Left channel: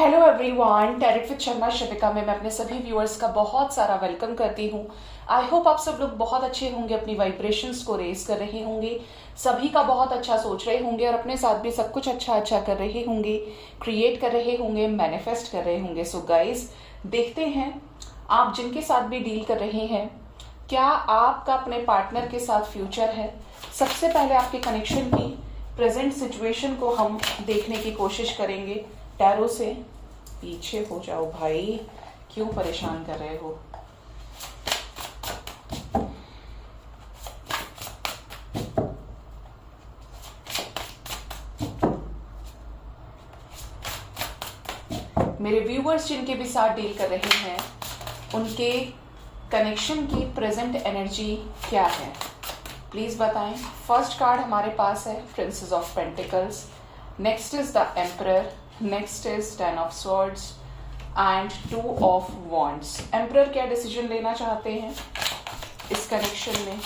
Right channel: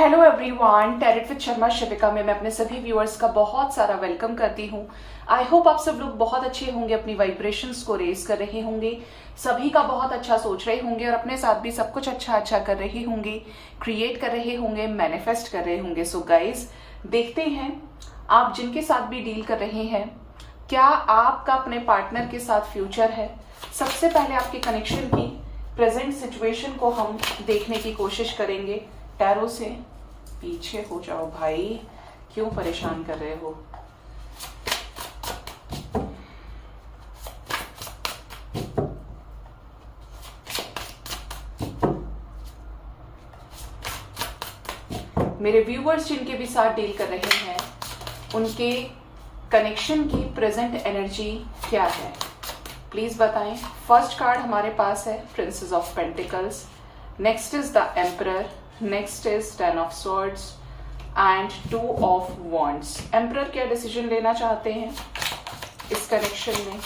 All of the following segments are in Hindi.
Hello everyone, tarot with Sharma Shivika में मैं अपने सभी व्यूअर्स का बहुत सारा वेलकम करती हूँ। आई होप आप सब लोग बहुत अच्छे होंगे, अपनी वाइब्रेशंस को रेज कर रहे होंगे, सभी का बहुत अच्छा सोच रहे होंगे और अपने साथ भी सब कुछ अच्छा कर रहे होंगे, क्रिएट कर रहे होंगे, मैनिफेस्ट कर रहे होंगे। सो गाइज, देखते हैं आप जिनके साथ भी डील कर रहे हैं, क्या आपका अपने पार्टनर के साथ फ्यूचर है। सबसे पहले आपके कनेक्शन की प्रेजेंट सिचुएशन को हम देखने की कोशिश करेंगे। टैरो से पीछे हो जाओ भाई, क्यों परेशान कर रहे हो। मेरे व्यूवर्स जिनके भी साथ डील कर रहे हैं, उनके कनेक्शन की प्रेजेंट एनर्जी क्या है, प्लीज बताएं। फर्स्ट कार्ड हमारे पास है princess of pentacles, next is the emperor, next is ten of swords and two of wands. Emperor क्या डिसीजन लेना चाहते हैं इस कनेक्शन में,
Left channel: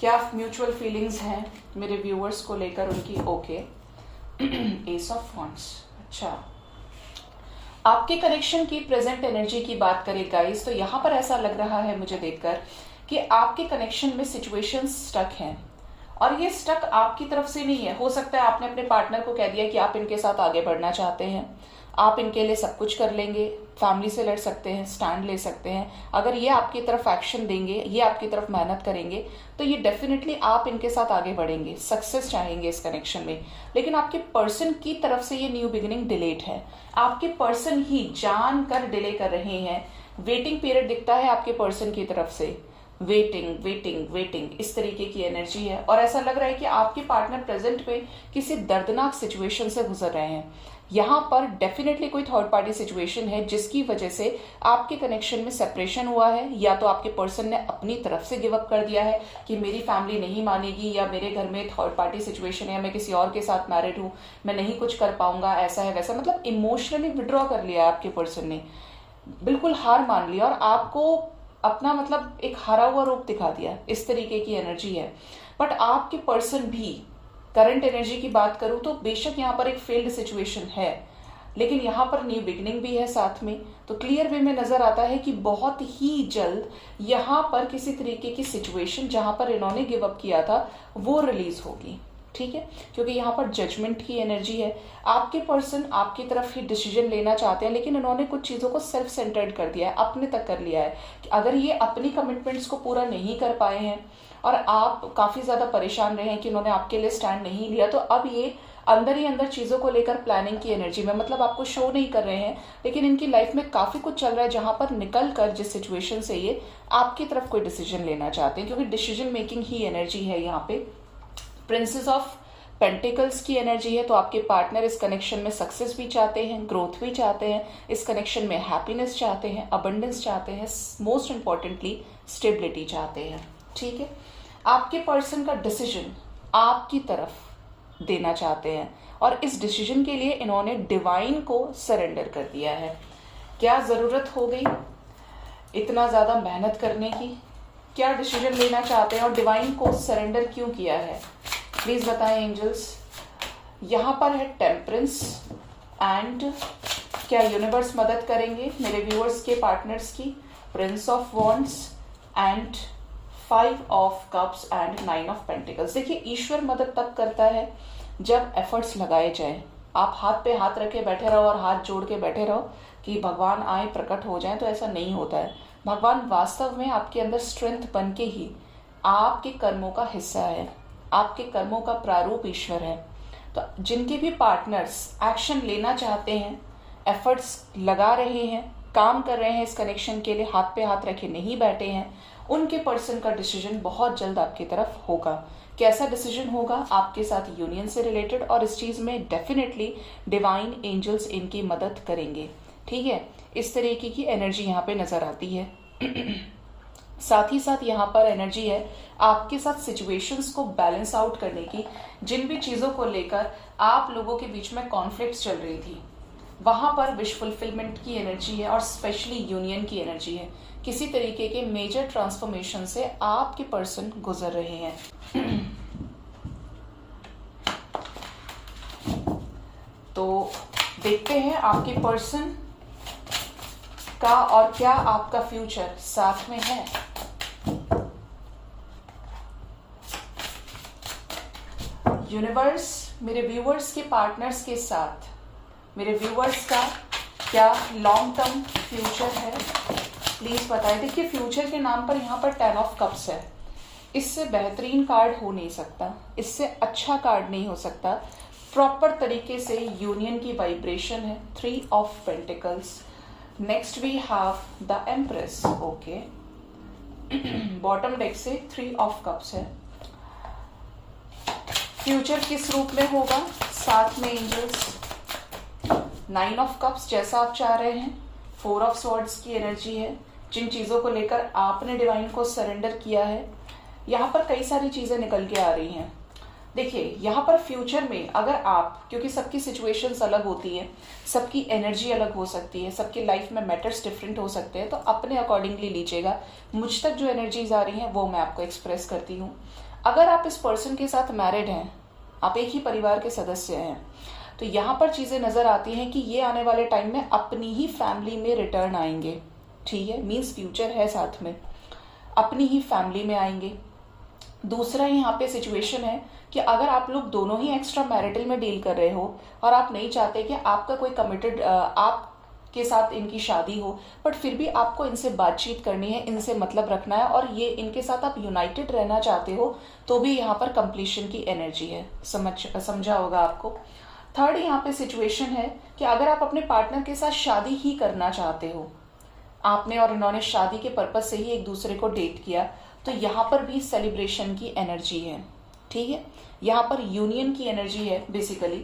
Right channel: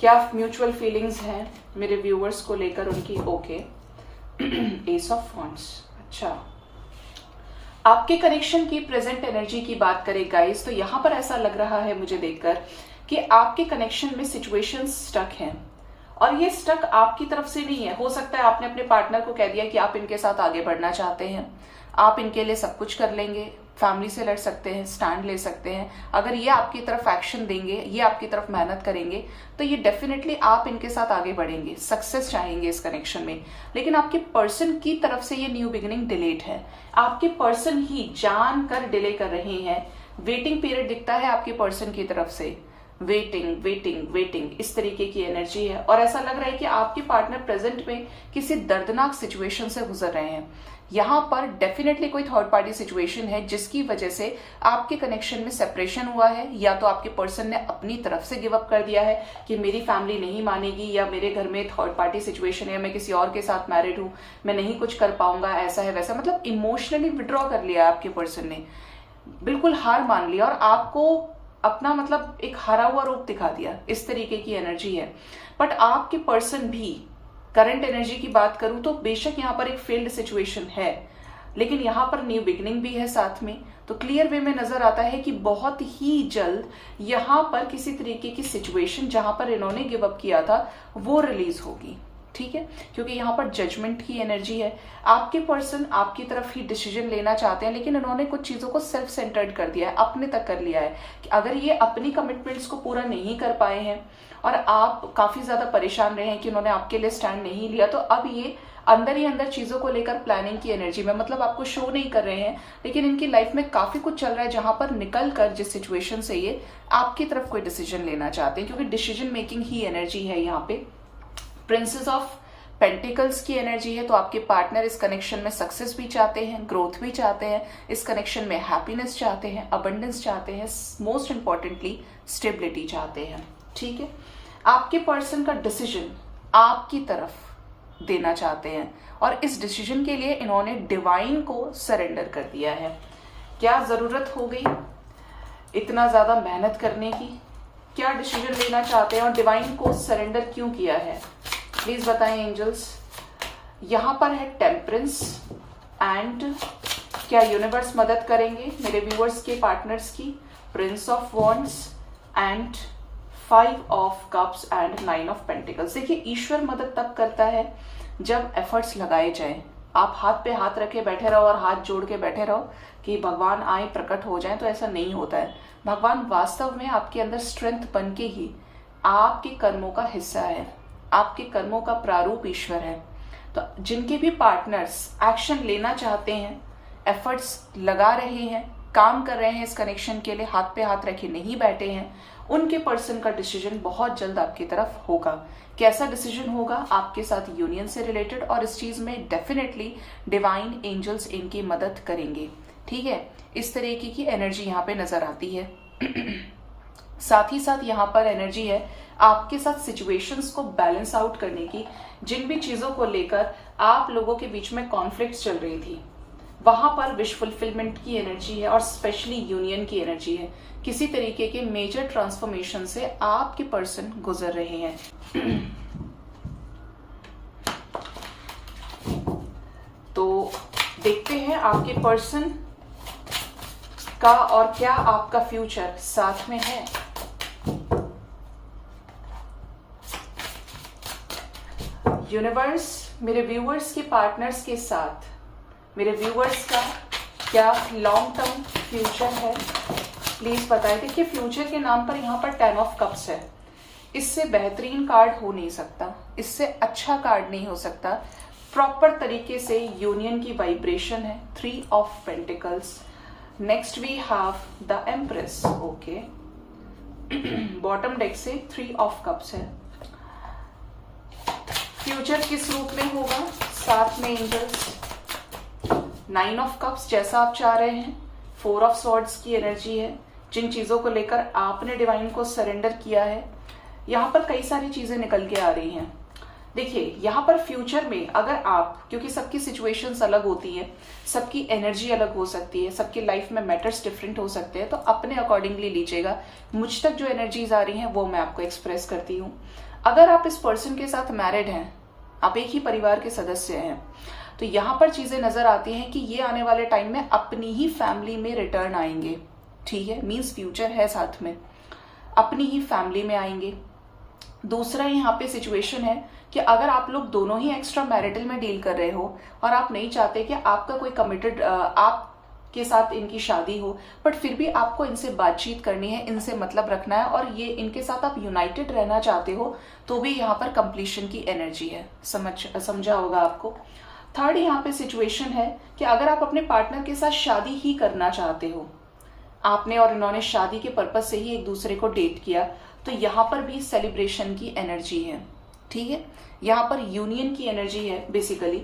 क्या म्यूचुअल फीलिंग्स हैं मेरे व्यूअर्स को लेकर उनकी। Okay, S of wands. अच्छा, आपके कनेक्शन की प्रेजेंट एनर्जी की बात करें गाइस, तो यहां पर ऐसा लग रहा है मुझे देखकर कि आपके कनेक्शन में सिचुएशन स्टक हैं और ये स्टक आपकी तरफ से नहीं है। हो सकता है आपने अपने पार्टनर को कह दिया कि आप इनके साथ आगे बढ़ना चाहते हैं, आप इनके लिए सब कुछ कर लेंगे, फैमिली से लड़ सकते हैं, स्टैंड ले सकते हैं। अगर ये आपकी तरफ एक्शन देंगे, ये आपकी तरफ मेहनत करेंगे, तो ये डेफिनेटली आप इनके साथ आगे बढ़ेंगे, सक्सेस चाहेंगे इस कनेक्शन में। लेकिन आपके पर्सन की तरफ से ये न्यू बिगिनिंग डिलेड है। आपके पर्सन ही जानकर डिले कर रहे हैं। वेटिंग पीरियड दिखता है आपके पर्सन की तरफ से, वेटिंग वेटिंग वेटिंग, इस तरीके की एनर्जी है। और ऐसा लग रहा है कि आपके पार्टनर प्रेजेंट में किसी दर्दनाक सिचुएशन से गुजर रहे हैं। यहां पर डेफिनेटली कोई थर्ड पार्टी सिचुएशन है जिसकी वजह से आपके कनेक्शन में सेपरेशन हुआ है, या तो आपके पर्सन ने अपनी तरफ से गिव अप कर दिया है कि मेरी फैमिली नहीं मानेगी, या मेरे घर में थर्ड पार्टी सिचुएशन है, या मैं किसी और के साथ मैरिड हूं, मैं नहीं कुछ कर पाऊंगा, ऐसा है वैसा। मतलब इमोशनली विड्रॉ कर लिया आपके पर्सन ने, बिल्कुल हार मान लिया और आपको अपना मतलब एक हारा हुआ रूप दिखा दिया। इस तरीके की एनर्जी है। बट आपके पर्सन भी, करंट एनर्जी की बात करूं तो बेशक यहां पर एक फेल्ड सिचुएशन है, लेकिन यहां पर न्यू बिगिनिंग भी है साथ में। तो क्लियर वे में नजर आता है कि बहुत ही जल्द यहां पर किसी तरीके की सिचुएशन जहां पर इन्होंने गिव अप किया था वो रिलीज होगी। ठीक है, क्योंकि यहाँ पर जजमेंट की एनर्जी है। आपके पर्सन आपकी तरफ ही डिसीजन लेना चाहते हैं, लेकिन इन्होंने कुछ चीजों को सेल्फ सेंटर्ड कर दिया है, अपने तक कर लिया है। कि अगर ये अपनी कमिटमेंट्स को पूरा नहीं कर पाए हैं और आप काफी ज्यादा परेशान रहे हैं कि उन्होंने आपके लिए स्टैंड नहीं लिया, तो अब ये अंदर ही अंदर चीजों को लेकर प्लानिंग की एनर्जी में, मतलब आपको शो नहीं कर रहे हैं, लेकिन इनकी लाइफ में काफी कुछ चल रहा है जहां पर निकल कर जिस सिचुएशन से ये आपकी तरफ कोई डिसीजन लेना चाहते हैं, क्योंकि डिसीजन मेकिंग ही एनर्जी है यहाँ पे। प्रिंसेस ऑफ पेंटिकल्स की एनर्जी है। तो आपके पार्टनर इस कनेक्शन में सक्सेस भी चाहते हैं, ग्रोथ भी चाहते हैं, इस कनेक्शन में हैप्पीनेस चाहते हैं, अबंडेंस चाहते हैं, मोस्ट इंपॉर्टेंटली स्टेबिलिटी चाहते हैं। ठीक है, आपके पर्सन का डिसीजन आपकी तरफ देना चाहते हैं और इस डिसीजन के लिए इन्होंने डिवाइन को सरेंडर कर दिया है। क्या जरूरत हो गई इतना ज्यादा मेहनत करने की, क्या डिसीजन लेना चाहते हैं और डिवाइन को सरेंडर क्यों किया है, प्लीज बताएं एंजल्स। यहां पर है टेम्परेंस एंड क्या यूनिवर्स मदद करेंगे मेरे व्यूअर्स के पार्टनर्स की। Prince of wands and 5 of cups and 9 of pentacles. देखिए, ईश्वर मदद तब करता है जब एफर्ट्स लगाए जाए। आप हाथ पे हाथ रखे बैठे रहो और हाथ जोड़ के बैठे रहो कि भगवान आए प्रकट हो जाए, तो ऐसा नहीं होता है। भगवान वास्तव में आपके अंदर स्ट्रेंथ बन के ही आपके कर्मों का हिस्सा है, आपके कर्मों का प्रारूप ईश्वर है। तो जिनके भी पार्टनर्स एक्शन लेना चाहते हैं, एफर्ट्स लगा रहे हैं, काम कर रहे हैं इस कनेक्शन के लिए, हाथ पे हाथ रखे नहीं बैठे हैं, उनके पर्सन का डिसीजन बहुत जल्द आपकी तरफ होगा। कैसा डिसीजन होगा, आपके साथ यूनियन से रिलेटेड, और इस चीज में डेफिनेटली डिवाइन एंजल्स इनकी मदद करेंगे। ठीक है, इस तरीके की एनर्जी यहाँ पे नजर आती है। साथ ही साथ यहाँ पर एनर्जी है आपके साथ सिचुएशंस को बैलेंस आउट करने की। जिन भी चीजों को लेकर आप लोगों के बीच में कॉन्फ्लिक्ट्स चल रही थी, वहां पर विश फुलफिलमेंट की एनर्जी है और स्पेशली यूनियन की एनर्जी है। किसी तरीके के मेजर ट्रांसफॉर्मेशन से आपके पर्सन गुजर रहे हैं। तो देखते हैं आपके पर्सन का और क्या आपका फ्यूचर साथ में है। यूनिवर्स, मेरे व्यूअर्स के पार्टनर्स के साथ मेरे व्यूअर्स का क्या लॉन्ग टर्म फ्यूचर है, प्लीज बताइए। देखिए फ्यूचर के नाम पर यहाँ पर 10 ऑफ कप्स है, इससे बेहतरीन कार्ड हो नहीं सकता, इससे अच्छा कार्ड नहीं हो सकता। प्रॉपर तरीके से यूनियन की वाइब्रेशन है। 3 of pentacles, next we have the empress. Okay, bottom deck से 3 ऑफ कप्स है। फ्यूचर किस रूप में होगा, साथ में एंजल्स, 9 ऑफ कप्स जैसा आप चाह रहे हैं। 4 ऑफ स्वॉर्ड्स की एनर्जी है, जिन चीजों को लेकर आपने डिवाइन को सरेंडर किया है। यहाँ पर कई सारी चीजें निकल के आ रही हैं। देखिए यहाँ पर फ्यूचर में अगर आप, क्योंकि सबकी सिचुएशंस अलग होती है, सबकी एनर्जी अलग हो सकती है, सबकी लाइफ में मैटर्स डिफरेंट हो सकते हैं, तो अपने अकॉर्डिंगली लीजिएगा। मुझ तक जो एनर्जीज आ रही हैं वो मैं आपको एक्सप्रेस करती हूँ। अगर आप इस पर्सन के साथ मैरिड हैं, आप एक ही परिवार के सदस्य हैं, तो यहाँ पर चीजें नजर आती हैं कि ये आने वाले टाइम में अपनी ही फैमिली में रिटर्न आएंगे। ठीक है, मीन्स फ्यूचर है साथ में, अपनी ही फैमिली में आएंगे। दूसरा यहाँ पे सिचुएशन है कि अगर आप लोग दोनों ही एक्स्ट्रा मैरिटल में डील कर रहे हो और आप नहीं चाहते कि आपका कोई कमिटेड आपके साथ इनकी शादी हो, बट फिर भी आपको इनसे बातचीत करनी है, इनसे मतलब रखना है और ये इनके साथ आप यूनाइटेड रहना चाहते हो, तो भी यहाँ पर कंप्लीशन की एनर्जी है। समझा होगा आपको। थर्ड यहाँ पे सिचुएशन है कि अगर आप अपने पार्टनर के साथ शादी ही करना चाहते हो, आपने और इन्होंने शादी के पर्पज से ही एक दूसरे को डेट किया, तो यहाँ पर भी सेलिब्रेशन की एनर्जी है। ठीक है, यहाँ पर यूनियन की एनर्जी है, basically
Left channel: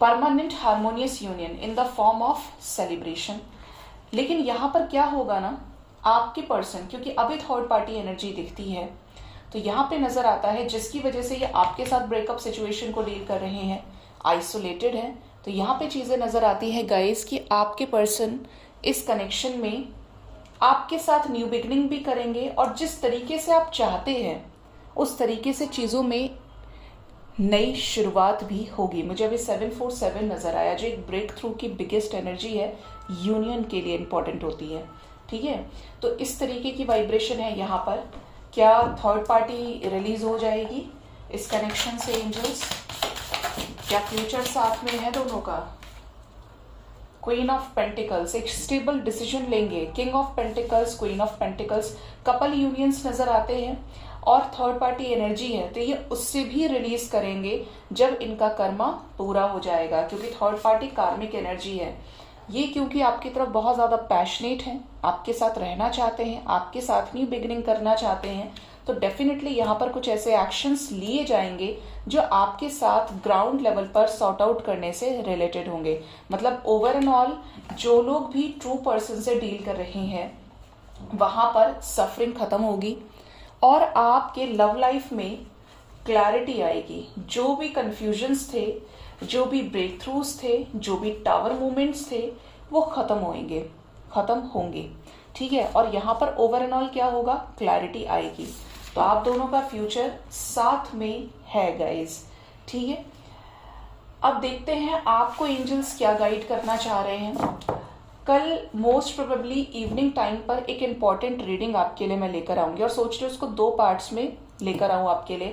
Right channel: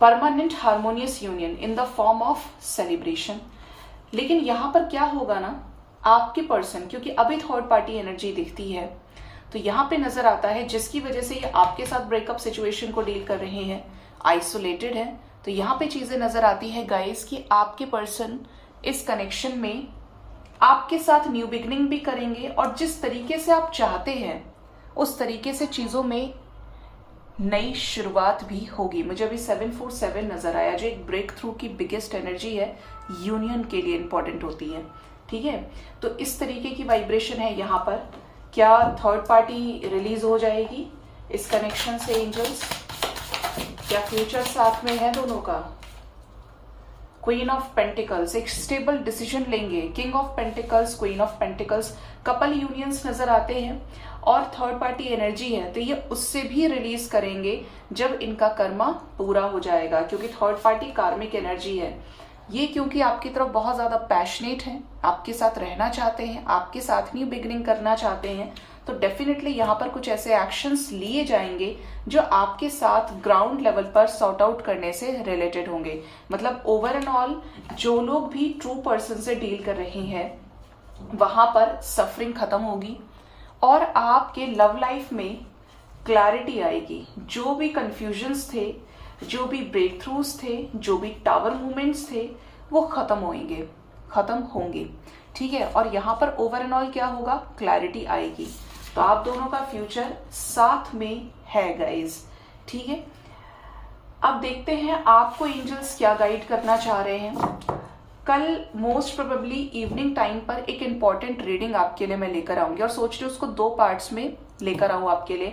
permanent harmonious union in the form of celebration. लेकिन यहाँ पर क्या होगा ना, आपके पर्सन, क्योंकि अभी थर्ड पार्टी एनर्जी दिखती है, तो यहाँ पे नजर आता है जिसकी वजह से ये आपके साथ ब्रेकअप सिचुएशन को डील कर रहे हैं, आइसोलेटेड है। तो यहाँ पे चीजें नजर आती है गाइस कि आपके पर्सन इस कनेक्शन में आपके साथ न्यू बिगनिंग भी करेंगे और जिस तरीके से आप चाहते हैं उस तरीके से चीजों में नई शुरुआत भी होगी। मुझे अभी 747 नजर आया, जो एक ब्रेक थ्रू की बिगेस्ट एनर्जी है, यूनियन के लिए इंपॉर्टेंट होती है। ठीक है, तो इस तरीके की वाइब्रेशन है यहाँ पर। क्या थर्ड पार्टी रिलीज हो जाएगी इस कनेक्शन से एंजल्स? क्या फ्यूचर साथ में है दोनों का? क्वीन ऑफ पेंटिकल्स, एक स्टेबल डिसीजन लेंगे। King of pentacles, queen of pentacles, couple unions नजर आते हैं और थर्ड पार्टी एनर्जी है, तो ये उससे भी रिलीज करेंगे जब इनका कर्मा पूरा हो जाएगा, क्योंकि थर्ड पार्टी कार्मिक एनर्जी है। ये क्योंकि आपकी तरफ बहुत ज्यादा पैशनेट है, आपके साथ रहना चाहते हैं, आपके साथ न्यू बिगिनिंग करना चाहते हैं, तो डेफिनेटली यहाँ पर कुछ ऐसे एक्शंस लिए जाएंगे जो आपके साथ ग्राउंड लेवल पर सॉर्ट आउट करने से रिलेटेड होंगे। मतलब ओवर एंड ऑल जो लोग भी ट्रू पर्सन से डील कर रहे हैं वहां पर सफरिंग खत्म होगी और आपके लव लाइफ में क्लैरिटी आएगी। जो भी कंफ्यूजन्स थे, जो भी ब्रेक थ्रूज थे, जो भी टावर मूवमेंट्स थे, वो खत्म होंगे। ठीक है, और यहाँ पर ओवर एंड ऑल क्या होगा, क्लैरिटी आएगी। तो आप दोनों का फ्यूचर साथ में है गाइज। ठीक है, अब देखते हैं आपको एंजल्स क्या गाइड करना चाह रहे हैं। कल मोस्ट प्रोबेबली इवनिंग टाइम पर एक इंपॉर्टेंट रीडिंग आपके लिए मैं लेकर आऊंगी और सोच रही हूँ उसको 2 पार्ट्स में लेकर आऊं आपके लिए,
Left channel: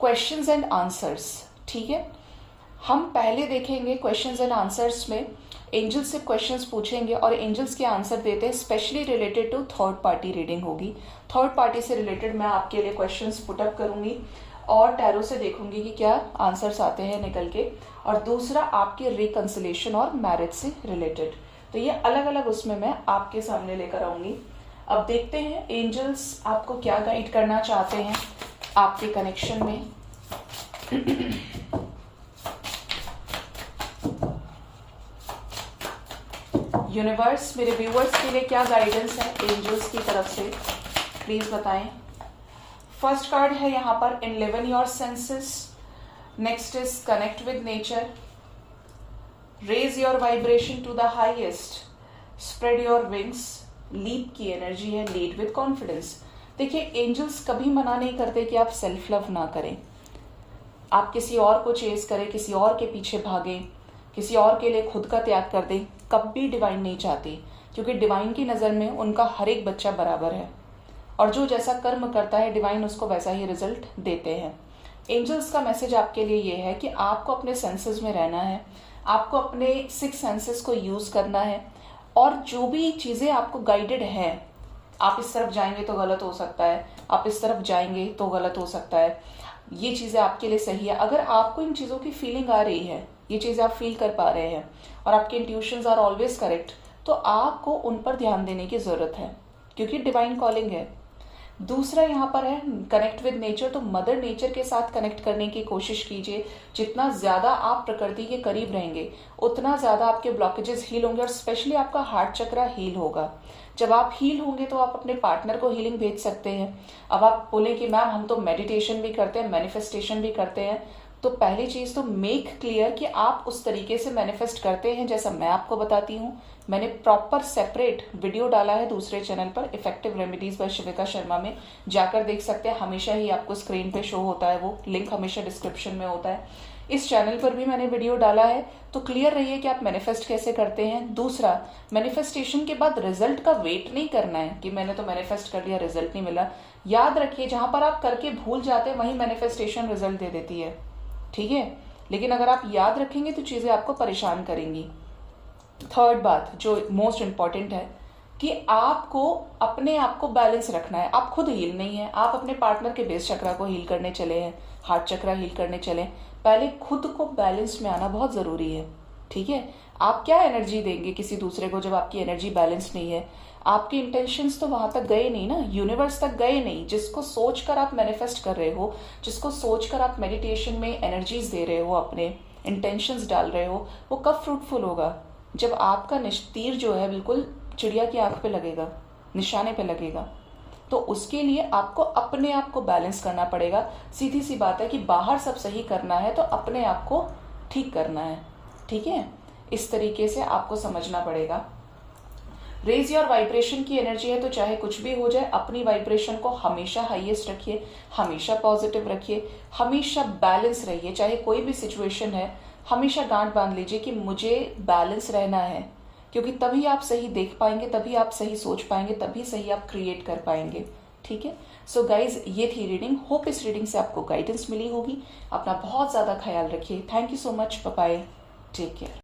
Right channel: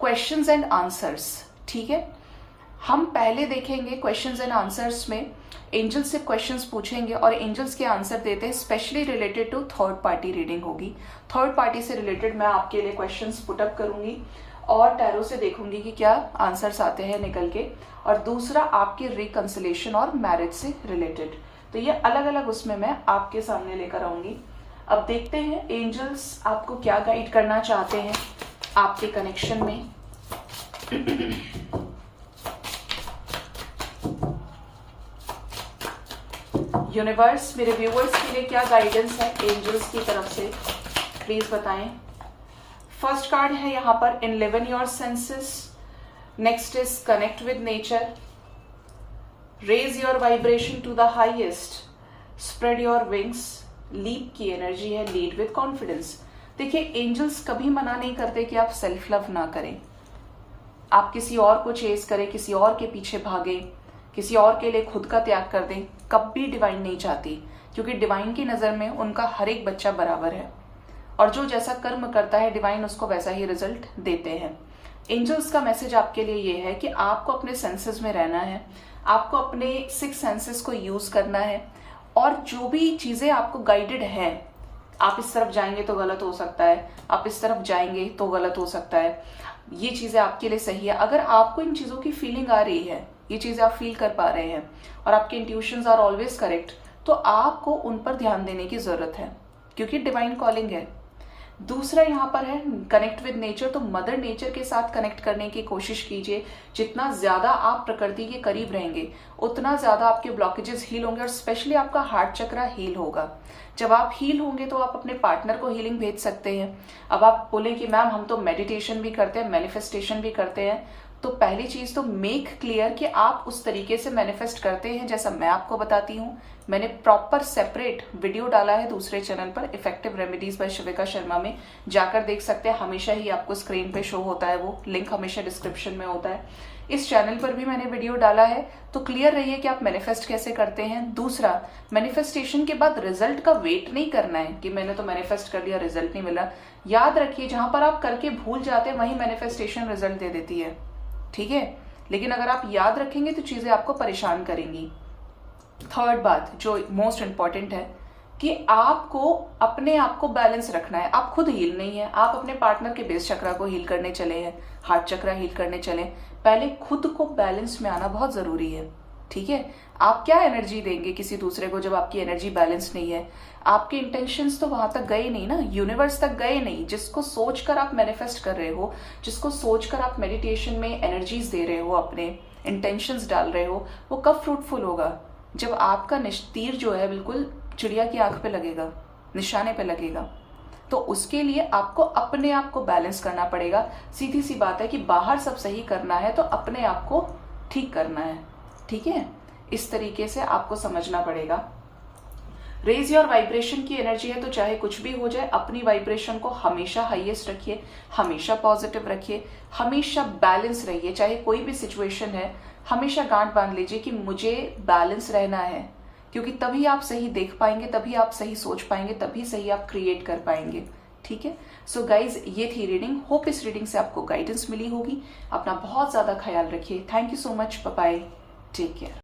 क्वेश्चंस एंड आंसर्स। ठीक है, हम पहले देखेंगे क्वेश्चंस एंड आंसर्स में एंजल्स से क्वेश्चंस पूछेंगे और एंजल्स के आंसर देते हैं, specially related to third party reading होगी। थर्ड पार्टी से रिलेटेड मैं आपके लिए क्वेश्चंस पुटअप करूंगी और टैरो से देखूंगी कि क्या आंसर्स आते हैं निकल के, और दूसरा आपके रिकंसिलेशन और मैरिज से रिलेटेड। तो ये अलग अलग उसमें मैं आपके सामने लेकर आऊंगी। अब देखते हैं एंजल्स आपको क्या गाइड करना चाहते हैं आपके कनेक्शन में। यूनिवर्स मेरे व्यूवर्स के लिए क्या गाइडेंस है एंजल्स की तरफ से, प्लीज बताएं। फर्स्ट कार्ड है यहाँ पर enliven your senses, next is connect with nature, raise your vibration to the highest, spread your wings, leap की एनर्जी है, लीड विद कॉन्फिडेंस। देखिए एंजल्स कभी मना नहीं करते कि आप सेल्फ लव ना करें, आप किसी और को चेस करें, किसी और के पीछे भागे, किसी और के लिए खुद का त्याग कर दें, कभी डिवाइन नहीं चाहती, क्योंकि डिवाइन की नजर में उनका हर एक बच्चा बराबर है और जो जैसा कर्म करता है डिवाइन उसको वैसा ही रिजल्ट देते हैं। एंजल्स का मैसेज आपके लिए ये है कि आपको अपने सेंसेस में रहना है, आपको अपने 6 सेंसेस को यूज करना है और जो भी चीजें आपको गाइडेड है, आप इस तरफ जाएंगे तो गलत हो सकता है, आप इस तरफ जाएंगे तो गलत हो सकता है, ये चीजें आपके लिए सही है। अगर आपको इन चीजों की फीलिंग आ रही है, ये चीजें आप फील कर पा रहे हैं और आपके इंट्यूशंस आर ऑलवेज करेक्ट, तो आपको उन पर ध्यान देने की जरूरत है, क्योंकि डिवाइन कॉलिंग है। दूसरा यहाँ पर है कनेक्ट विद नेचर, तो मदर नेचर के साथ कनेक्ट करने की कोशिश कीजिए। जितना ज्यादा आप प्रकृति के करीब रहेंगे उतना ज्यादा आपके ब्लॉकेजेस हील होंगे और स्पेशली आपका हार्ट चक्रा हील होगा। जब आप हील होंगे तो आप अपने पार्टनर को हीलिंग भेज सकते हैं। अब आप बोले कि मैम हम तो मेडिटेशन भी करते हैं, मैनिफेस्टेशन भी करते हैं, तो पहली चीज तो मेक क्लियर कि आप उस तरीके से मैनिफेस्ट करते हैं जैसा मैं आपको बताती हूँ। मैंने प्रॉपर सेपरेट वीडियो डाला है दूसरे चैनल पर, इफेक्टिव रेमेडीज बाय शिविका शर्मा में, जाकर देख सकते हैं। हमेशा ही आपको स्क्रीन पे शो होता है, वो लिंक हमेशा डिस्क्रिप्शन में होता है। इस चैनल पर भी मैंने वीडियो डाला है, तो क्लियर रहिए कि आप मैनिफेस्ट कैसे करते हैं। दूसरा, मैनिफेस्टेशन के बाद रिजल्ट का वेट नहीं करना है कि मैंने तो मैनिफेस्ट कर लिया, रिजल्ट नहीं मिला। याद रखिए, जहां पर आप करके भूल जाते हैं वहीं मैनिफेस्टेशन रिजल्ट दे देती है, ठीक है। लेकिन अगर आप याद रखेंगे तो चीजें आपको परेशान करेंगी। थर्ड बात जो मोस्ट इंपॉर्टेंट है कि आपको अपने आप को बैलेंस रखना है। आप खुद हील नहीं है, आप अपने पार्टनर के बेस चक्रा को हील करने चले हैं, हार्ट चक्रा हील करने चले। पहले खुद को बैलेंस में आना बहुत जरूरी है, ठीक है। आप क्या एनर्जी देंगे किसी दूसरे को जब आपकी एनर्जी बैलेंस नहीं है? आपके इंटेंशंस तो वहां तक गए नहीं ना, यूनिवर्स तक गए नहीं। जिसको सोचकर आप मैनिफेस्ट कर रहे हो, जिसको सोचकर आप मेडिटेशन में एनर्जीज दे रहे हो, अपने इंटेंशंस डाल रहे हो, वो कब फ्रूटफुल होगा? जब आपका तीर जो है बिल्कुल चिड़िया की आंख पे लगेगा, निशाने पे लगेगा। तो उसके लिए आपको अपने आप को बैलेंस करना पड़ेगा। सीधी सी बात है कि बाहर सब सही करना है तो अपने आप को ठीक करना है, ठीक है। इस तरीके से आपको समझना पड़ेगा। रेज योर वाइब्रेशन की एनर्जी है, तो चाहे कुछ भी हो जाए अपनी वाइब्रेशन को हमेशा हाईएस्ट रखिए, हमेशा पॉजिटिव रखिए, हमेशा बैलेंस रहिए। चाहे कोई भी सिचुएशन है, हमेशा गांठ बांध लीजिए कि मुझे बैलेंस रहना है, क्योंकि तभी आप सही देख पाएंगे, तभी आप सही सोच पाएंगे, तभी सही आप क्रिएट कर पाएंगे, ठीक है। सो गाइज, ये थी रीडिंग। होप इस रीडिंग से आपको गाइडेंस मिली होगी। अपना बहुत ज्यादा ख्याल रखिए। Thank you so much, bye bye, take care.